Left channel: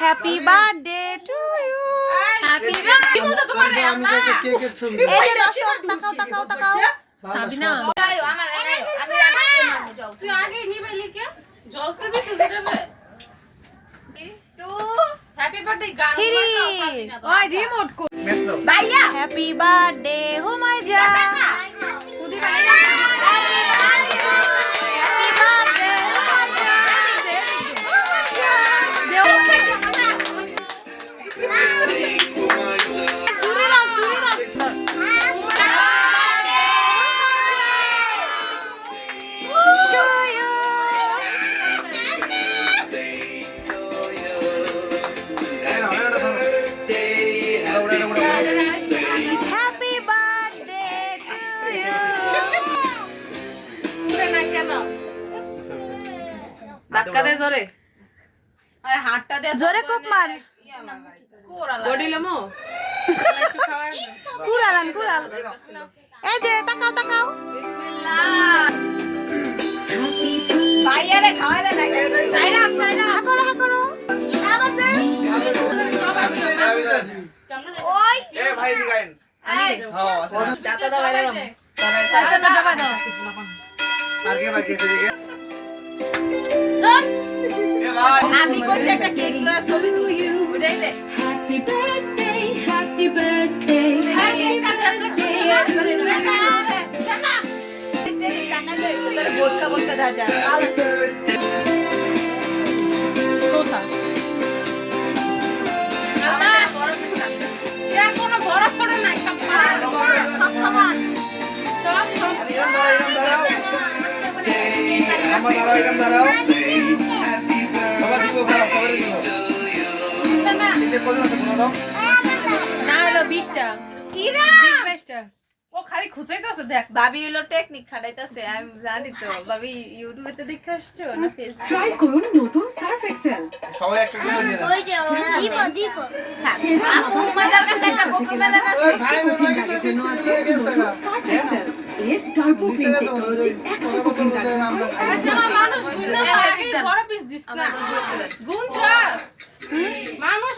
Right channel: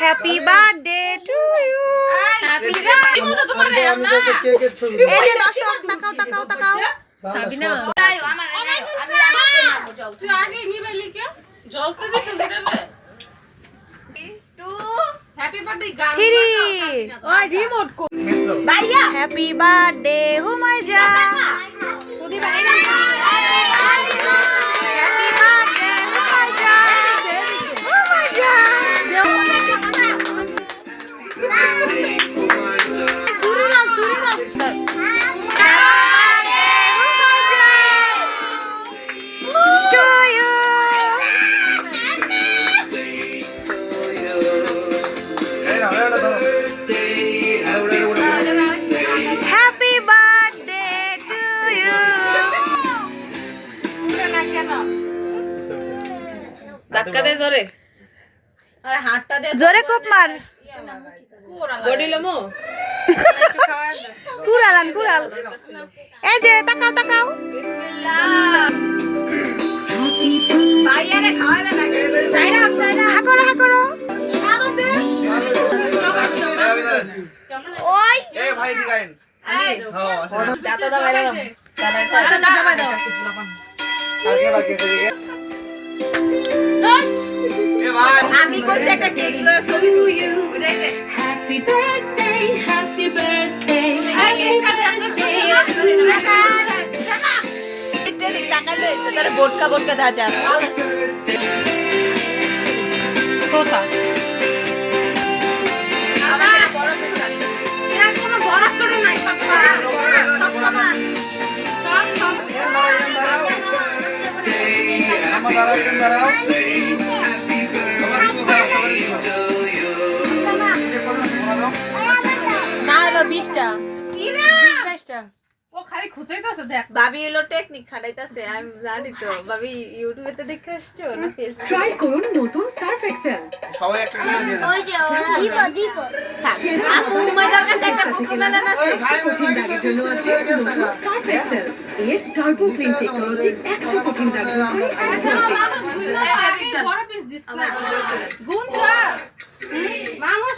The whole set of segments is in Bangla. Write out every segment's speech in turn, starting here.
Happy birthday to you. এই যে দর্শক তাকাও তাকাও তাকাও। সাবিনা তুই আগে নিবে লিখে জ্বলতে দিছ যেটালে হ্যাপি বার্থডে গান ওই রিমোট কো ভাইয়া হ্যাপি বার্থডে হুমায়জা। সুদি ভাই হ্যাপি বার্থডে হুমায়জা। হুমায়জা সুরিমান হ্যাপি বার্থডে টু ইউ। ধাক্কা দে জোরে আরে হাতটা দে জোরে কোপ মার। বডি লমো কুড়ালান কুড়াল। এই যে তাকাও তাকাও। বিসমিল্লাহ ভাইয়ারে খাওয়ারে লাগে চাইনা চাইনা হা করো হা করো। আবার দে। ওই এ ভাই দিগাইন হ্যাঁ আচ্ছা চাটা দাও বাইরে দাও না জমা দাও আগে বাকি এদিকে এ ভাই আমি কইছি একটা কেক লয়ে ছবি তুলি ওটাই দে Happy birthday, happy birthday, এই কেকটা দেন তো কি জানা এটা দিক তাকাইলে তোর বোটকা বোটকা ধাজা সোসা কোনো ভরা ছড়ে নাই সব সমান সব সব না হলো 20টা কিরা 20টা ও খালি খুঁজাইতেছে দেখ ভাবি হলো টেকনিক খাটাইতেছে আমি জানি তো ভাবি ইউটিউবে তে দেখে আসছো না ফেসবুক ট্রাই করুন নতুন সার্ফ এক্সেল। সবাই একটা করে দিয়ে দাও ওই যে দিব দিব আপু মজার কাছে একটা কোকোমেলন আছে ভাই ব্যাগের জন্য আছে নতুন সার্ফ এক্সেল। এর টার্বো ক্লিন টেকনোলজি 100 দাগ আচ্ছা না মানুষ গুইনা আগে বড় পিস দিস না গুনছা মানুষ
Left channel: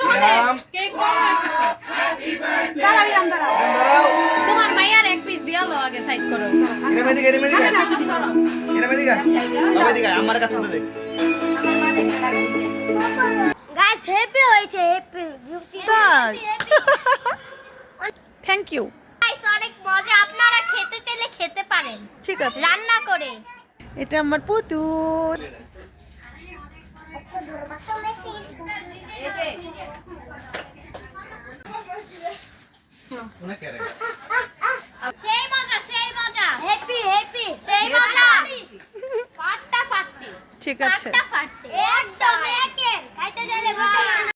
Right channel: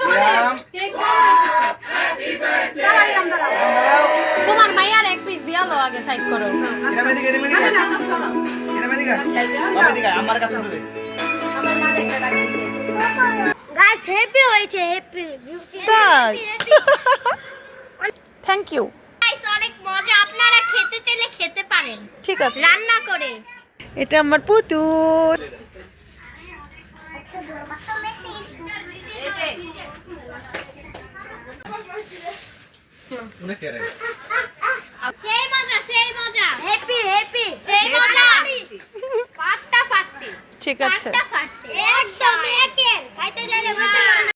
কেক তোমার মাইয়ার এক পিস দিয়ালো আগে সাইড করো। এটা মেদিকে এটা মেদিকে আমার কাছে দে গাইস হ্যাপি হয়েছে হ্যাপি তাই থ্যাংক ইউ। গাইস অনেক মজা আপনারা খেতে চাইলে খেতে পারেন ঠিক আছে। রান্না করে এটা আমার পুতুল। উনি কে রে সেই মজা হ্যাপি হ্যাপি সেই মজা পাট্টা ফাট্টি ঠিক আছে। একদম একে খাইতে গেলে